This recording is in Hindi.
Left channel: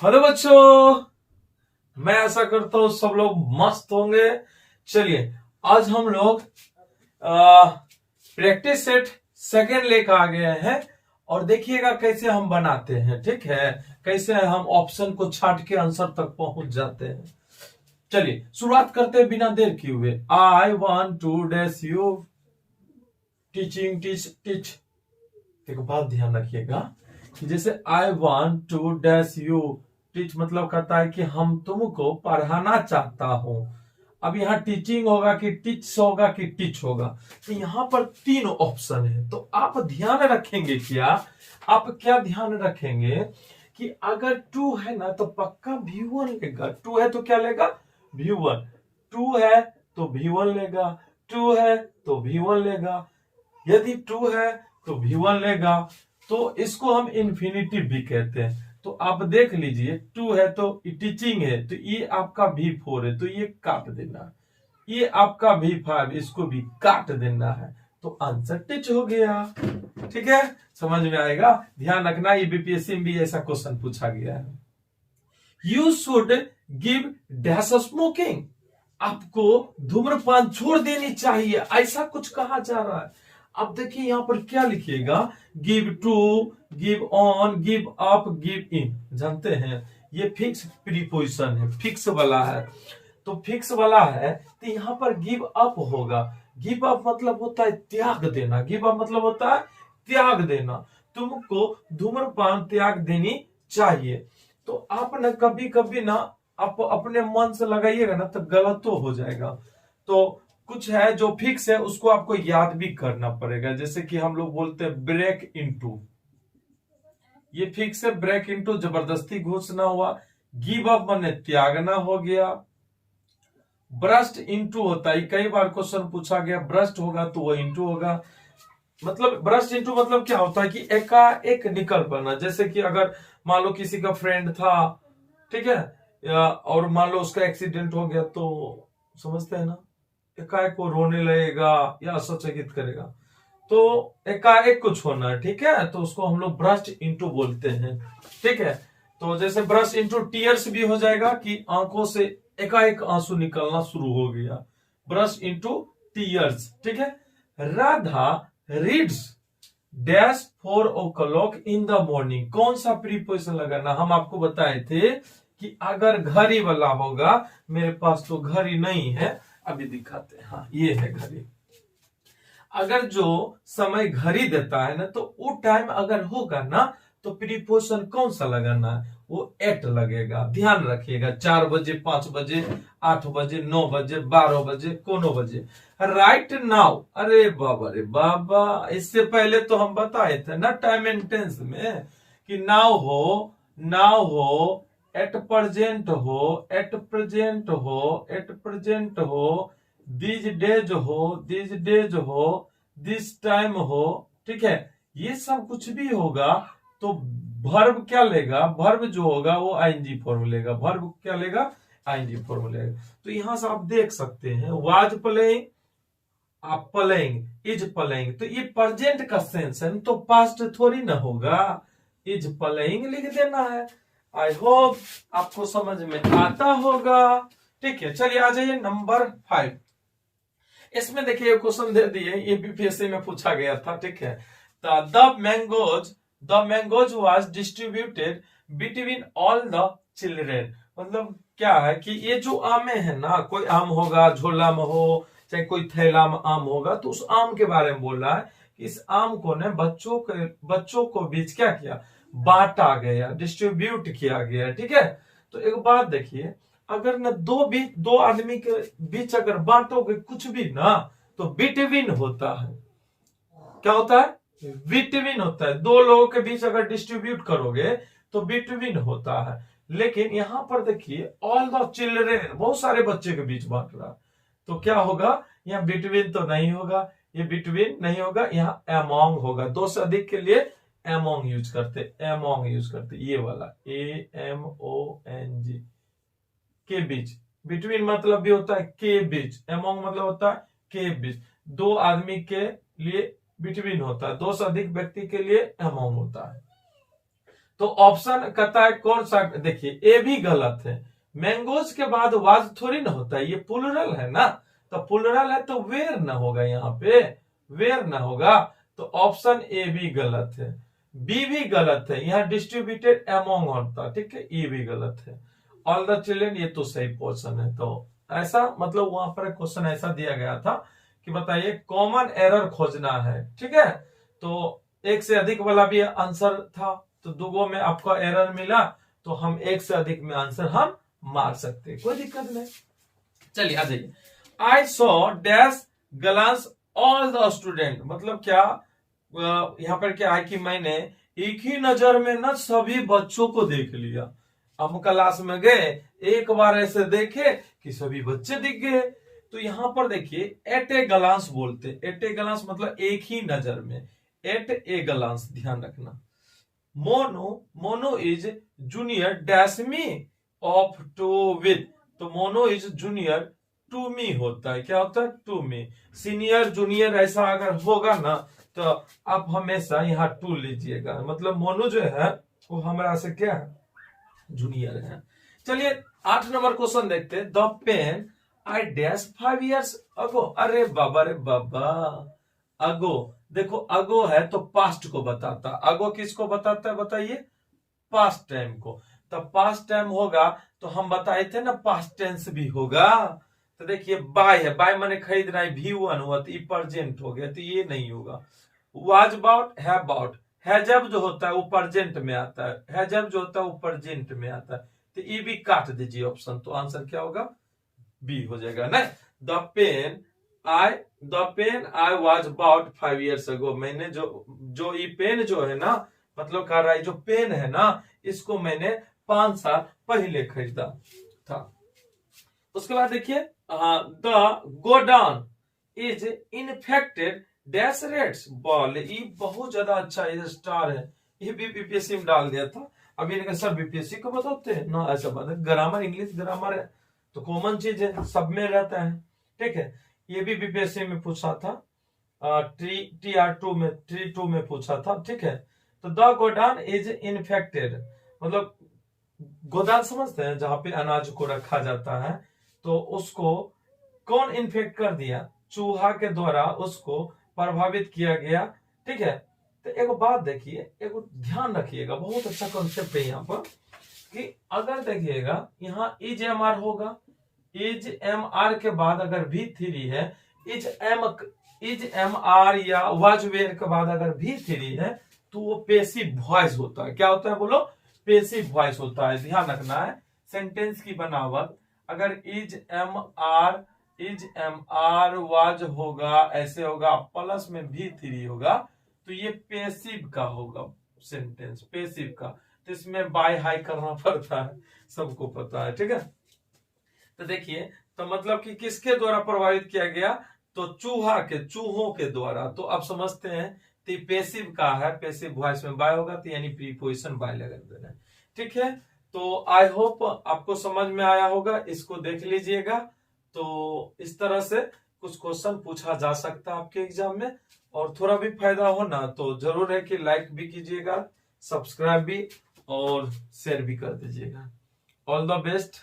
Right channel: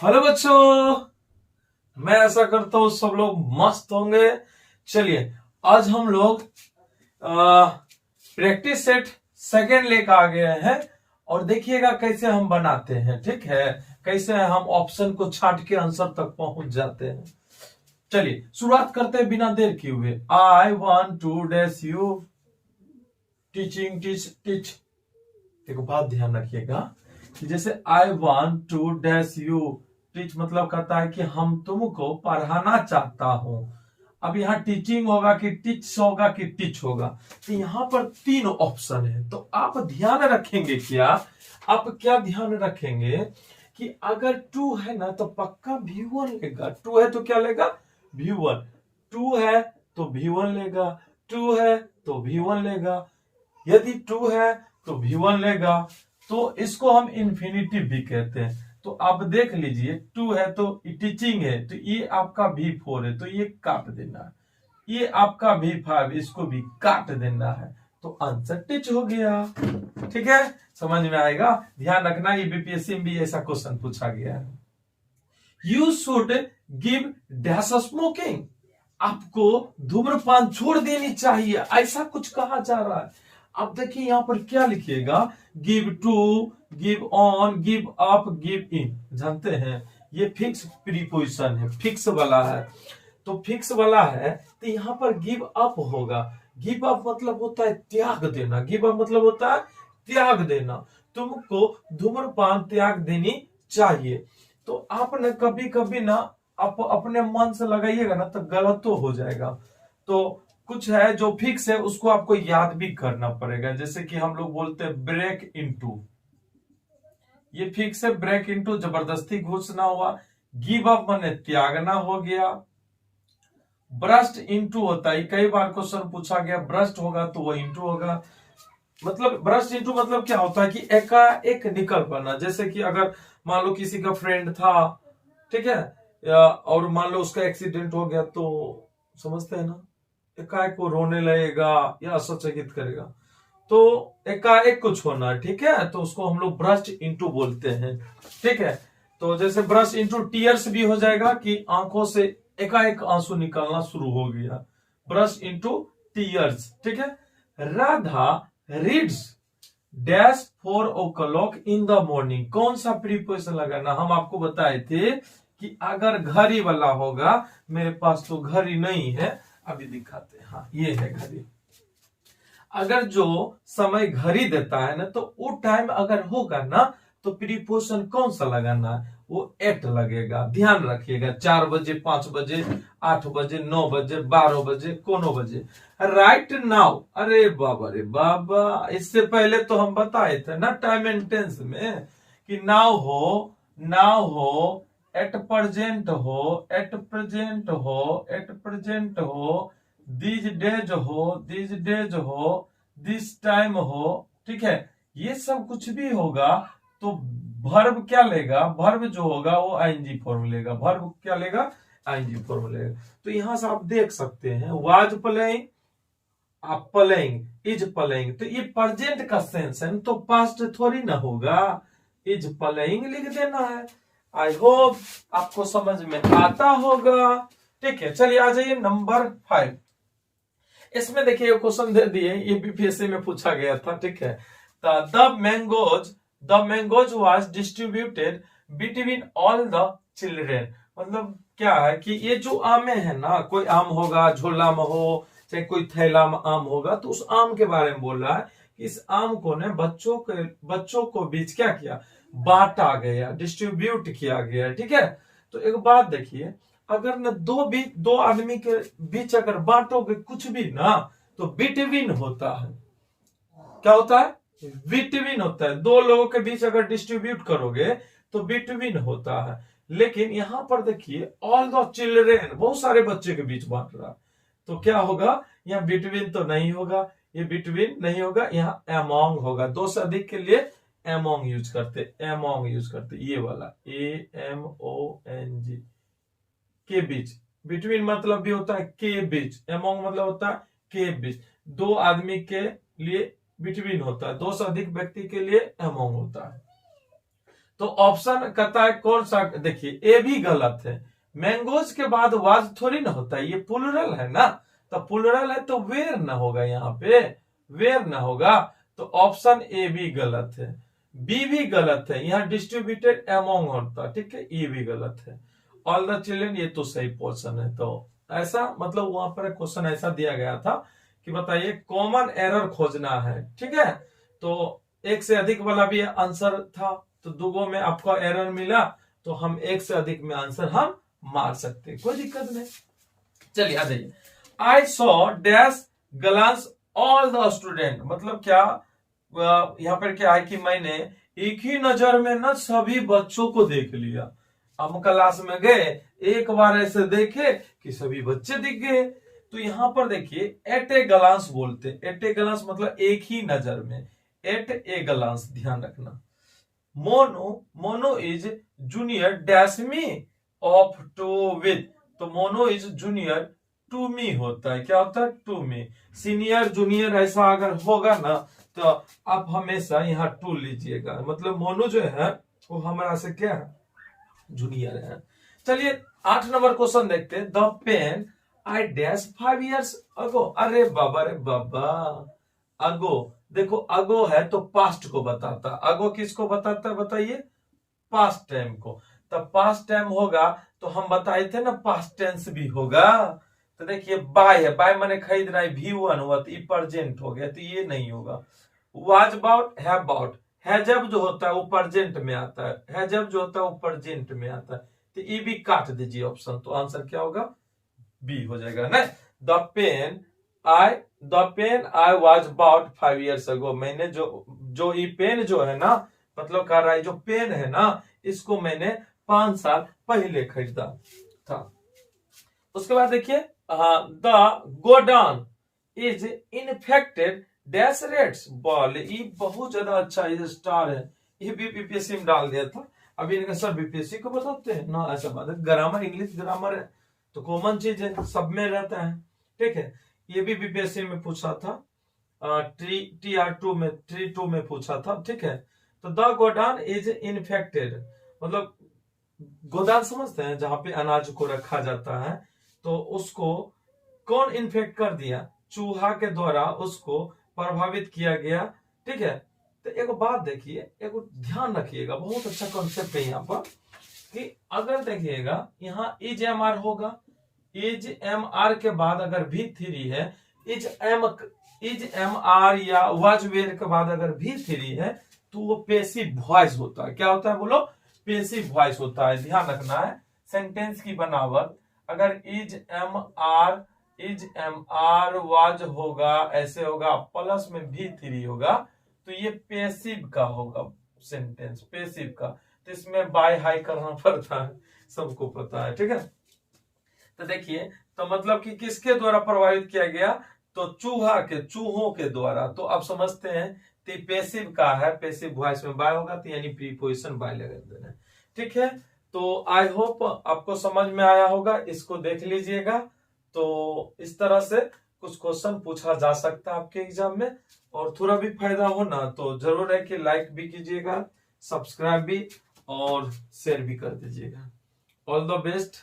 हेलो बच्चों, मैं ऐसा करता हूँ सब लोग मस्त होंगे। चलिए, आज हम लोग प्रैक्टिस सेट सेकेंड लेकर आ गए हैं और देखिएगा कैसे हम बनाते हैं। ठीक है, कैसे हम ऑप्शन को छाट के आंसर तक पहुंच जाते हैं। चलिए शुरुआत करते हैं बिना देर किए हुए। I want to dash you teaching teach teach. एक बात ध्यान रखिएगा कि जैसे I want to dash you teach मतलब कहता है कि हम तुमको पढ़ाना चाहता हूं। अब यहाँ टीचिंग होगा कि टीच होगा कि टीच होगा, तो यहाँ पर तीन ऑप्शन है। तो आप ध्यान रखेंगे क्या ध्यान रखेंगे कि अगर टू है ना तो पक्का V1 लेगा। टू है तो क्या लेगा? V1। टू है तो V1 लेगा, टू है तो V1 लेगा। यदि टू है तो V1 लेगा, तो इसको हम इन्फिनिटिव भी कहते हैं। तो आप देख लीजिए, टू है तो टीचिंग है, तो ये आपका V4 है, तो ये काट देना है। ये आपका V5, इसको भी काट देना है। तो आंसर टीच हो गया। ठीक है, समझ में आएगा। ध्यान रखना, ये बीपीएससी में भी ऐसा क्वेश्चन पूछा गया है। You should give dash smoking. आपको धूम्रपान छोड़ देनी चाहिए, ऐसा कुछ कहा जा रहा है। अब देखिए यहां पर क्या लिखिएगा, give to, give on, give up, give in. जानते हैं ये फिक्स प्रीपोजिशन है, फिक्स वाला है। तो फिक्स वाला है तो यहां पर गिव अप होगा। गिव अप मतलब होता है त्याग देना। गिव अप मतलब होता है त्याग देना। तुमको धूम्रपान त्याग देनी चाहिए। तो आप ना कभी कभी ना आप अपने मन से लगाइएगा ना तो गलत तो हो जाएगा। तो कुछ है जो फिक्स है उसको आपको याद भी करना पड़ेगा। जैसे कि हम लोग बोलते हैं ब्रेक इनटू, ये फिक्स है। ब्रेक इनटू जबरदस्ती घुसना हुआ। गिव अप माने त्यागना हो गया। ब्रस्ट इनटू होता है, कई बार क्वेश्चन पूछा गया ब्रस्ट होगा तो वो इनटू होगा। मतलब ब्रस्ट इनटू मतलब क्या होता है कि एकाएक निकल पड़ना। जैसे कि अगर मान लो किसी का फ्रेंड था, ठीक है, और मान लो उसका एक्सीडेंट हो गया, तो समझते हैं ना, एकाएक को रोने लगेगा या असचकित करेगा, तो एकाएक कुछ होना है। ठीक है, तो उसको हम लोग ब्रस्ट इनटू बोलते हैं। ठीक है, तो जैसे ब्रस्ट इनटू टीयर्स भी हो जाएगा कि आंखों से एकाएक आंसू निकलना शुरू हो गया, ब्रस्ट इनटू टीयर्स। ठीक है, Radha reads dash 4 o'clock in the morning. कौन सा प्रीपोजिशन लगाना? हम आपको बताए थे कि अगर घड़ी वाला होगा, मेरे पास तो घड़ी नहीं है, अभी दिखाते हैं। हाँ, ये है घड़ी। अगर जो समय घड़ी देता है ना, तो वो टाइम अगर होगा ना तो प्रीपोजिशन कौन सा लगाना है? वो एट लगेगा। ध्यान रखिएगा, 4 बजे, 5 बजे, 8 बजे, 9 बजे, 12 बजे, कोनो बजे। राइट नाउ, अरे बाबा रे बाबा, इससे पहले तो हम बताए थे ना टाइम एंड टेंस में कि नाउ हो, नाउ हो, एट प्रेजेंट हो, एट प्रेजेंट हो, एट प्रेजेंट हो, दिस डेज हो, दिस डेज हो, दिस टाइम हो। ठीक है, ये सब कुछ भी होगा तो वर्ब क्या लेगा? वर्ब जो होगा वो आईएनजी फॉर्म लेगा। वर्ब क्या लेगा? आईएनजी फॉर्म लेगा। तो यहां से आप देख सकते हैं, वाज प्लेइंग, आप प्लेइंग, इज प्लेइंग, तो ये प्रेजेंट का सेंस है, तो पास्ट थोड़ी ना होगा। इज प्लेइंग लिख देना है। आई होप आपको समझ में आता होगा। ठीक है, चलिए आ जाइए नंबर 5। इसमें देखिए क्वेश्चन दे दिए, ये बीपीएससी में पूछा गया था। ठीक है, the mangoes was distributed between all the children. मतलब क्या है कि ये जो आमे है ना, कोई आम होगा झोला में हो, चाहे कोई थैला में आम होगा, तो उस आम के बारे में बोल रहा है कि इस आम को ने बच्चों को बीच क्या किया? बांटा गया, डिस्ट्रीब्यूट किया गया। ठीक है, तो एक बात देखिए, अगर न दो आदमी के बीच अगर बांटोगे कुछ भी ना, तो बिटवीन होता है। क्या होता है? बिटवीन होता है। दो लोगों के बीच अगर डिस्ट्रीब्यूट करोगे तो बिटवीन होता है। लेकिन यहां पर देखिए ऑल द चिल्ड्रेन, बहुत सारे बच्चे के बीच बांट रहा, तो क्या होगा? यहाँ बिटवीन तो नहीं होगा, ये बिटवीन नहीं होगा, यहाँ एमोंग होगा। दो से अधिक के लिए एमोंग यूज करते, एमोंग यूज करते, ये वाला AMONG, के बीच। बिटवीन मतलब भी होता है के बीच, एमोंग मतलब होता है के बीच। दो आदमी के लिए बिटवीन होता है, दो से अधिक व्यक्ति के लिए एमोंग होता है। तो ऑप्शन कहता है कौन सा, देखिए ए भी गलत है। मैंगोज के बाद वाज थोड़ी ना होता है, ये प्लूरल है ना, तो प्लूरल है तो वेयर ना होगा, यहाँ पे वेयर ना होगा, तो ऑप्शन ए भी गलत है। बी भी गलत है, यहाँ डिस्ट्रीब्यूटेड अमोंग होता, ठीक है, ई भी गलत है। ऑल द चिल्ड्रन ये तो सही पोर्शन है। तो ऐसा मतलब वहां पर क्वेश्चन ऐसा दिया गया था कि बताइए कॉमन एरर खोजना है, ठीक है। तो एक से अधिक वाला भी आंसर था, तो दुगो में आपका एरर मिला, तो हम एक से अधिक में आंसर हम मार सकते, कोई दिक्कत नहीं। चलिए आ जाइए। I saw dash glance all the student, मतलब क्या यहाँ पर क्या है कि मैंने एक ही नजर में ना सभी बच्चों को देख लिया। हम क्लास में गए, एक बार ऐसे देखे कि सभी बच्चे दिख गए। तो यहाँ पर देखिए एट ए ग्लांस बोलते, एट ए ग्लांस मतलब एक ही नजर में, एट ए ग्लांस, ध्यान रखना। Mono is junior dash me of to with, तो mono is junior to me होता है, क्या होता है, टू मी। सीनियर जूनियर ऐसा अगर होगा ना तो आप हमेशा यहाँ टू लीजिएगा, मतलब मोनो जो है वो हमारा से क्या है, जूनियर है। चलिए 8 नंबर क्वेश्चन देखते हैं। The pen I dash 5 years ago, अरे बाबा रे बाबा, अगो, देखो अगो है तो पास्ट को बताता, अगो किसको बताता है बताइए, पास्ट टाइम को। तो पास्ट टाइम होगा तो हम बताए थे ना पास्ट टेंस भी होगा। तो देखिए बाय है, बाय माने खरीदना है, V1 हुआ तो प्रेजेंट हो गया, तो ये नहीं होगा। वाज अबाउट, है अबाउट, है जब जो होता है वो प्रेजेंट में आता है जब जो होता है वो प्रेजेंट में आता है, तो ये भी काट दीजिए ऑप्शन, तो आंसर क्या होगा, बी हो जाएगा ना। The pen I was about 5 years ago, मैंने जो ये पेन जो है ना, मतलब कह रहा है जो पेन है ना, इसको मैंने 5 साल पहले खरीदा था। उसके बाद देखिए the godown is infected dash rates ball, ये बहुत ज्यादा अच्छा है, स्टार है, ये भी बीपीएससी में डाल दिया था। अभी सर बीपीएससी को बताते हैं, नो ऐसा बात है, ग्रामर इंग्लिश ग्रामर है तो कॉमन चीज है, सब में रहता है, ठीक है। ये भी बीपीएससी में पूछा था, TR2 में, T2 में पूछा था, ठीक है। तो द गोडाउन इज इन्फेक्टेड, मतलब गोदाम समझते हैं जहां पे अनाज को रखा जाता है, तो उसको कौन इन्फेक्ट कर दिया, चूहा के द्वारा उसको प्रभावित किया गया, ठीक है। तो एक बात देखिए, एक ध्यान रखिएगा, बहुत अच्छा कॉन्सेप्ट है यहाँ पर, कि अगर देखिएगा यहाँ इज एम आर होगा, इज एम आर के बाद अगर V3 है, इज एम आर या वाज वेयर के बाद अगर V3 है, तो वो पेसिव वॉइस होता है, क्या होता है बोलो, पेसिव वॉइस होता है। ध्यान रखना है सेंटेंस की बनावट, अगर इज एम आर वाज होगा, ऐसे होगा, प्लस में V3 होगा, तो ये पेसिव का होगा सेंटेंस, पेसिव का, तो इसमें बाय हाई करना पड़ता है, सबको पता है, ठीक है। तो देखिए, तो मतलब कि किसके द्वारा प्रभावित किया गया, तो चूहों के द्वारा, तो आप समझते हैं तो पेसिव का है, पेसिव वॉइस में बाय होगा, तो यानी प्रीपोजिशन बाय लगा देना, ठीक है। तो आई होप आपको समझ में आया होगा, इसको देख लीजिएगा। तो इस तरह से कुछ क्वेश्चन पूछा जा सकता है आपके एग्जाम में, और थोड़ा भी फायदा हो ना तो जरूर है कि लाइक भी कीजिएगा, सब्सक्राइब भी और शेयर भी कर दीजिएगा। All the best.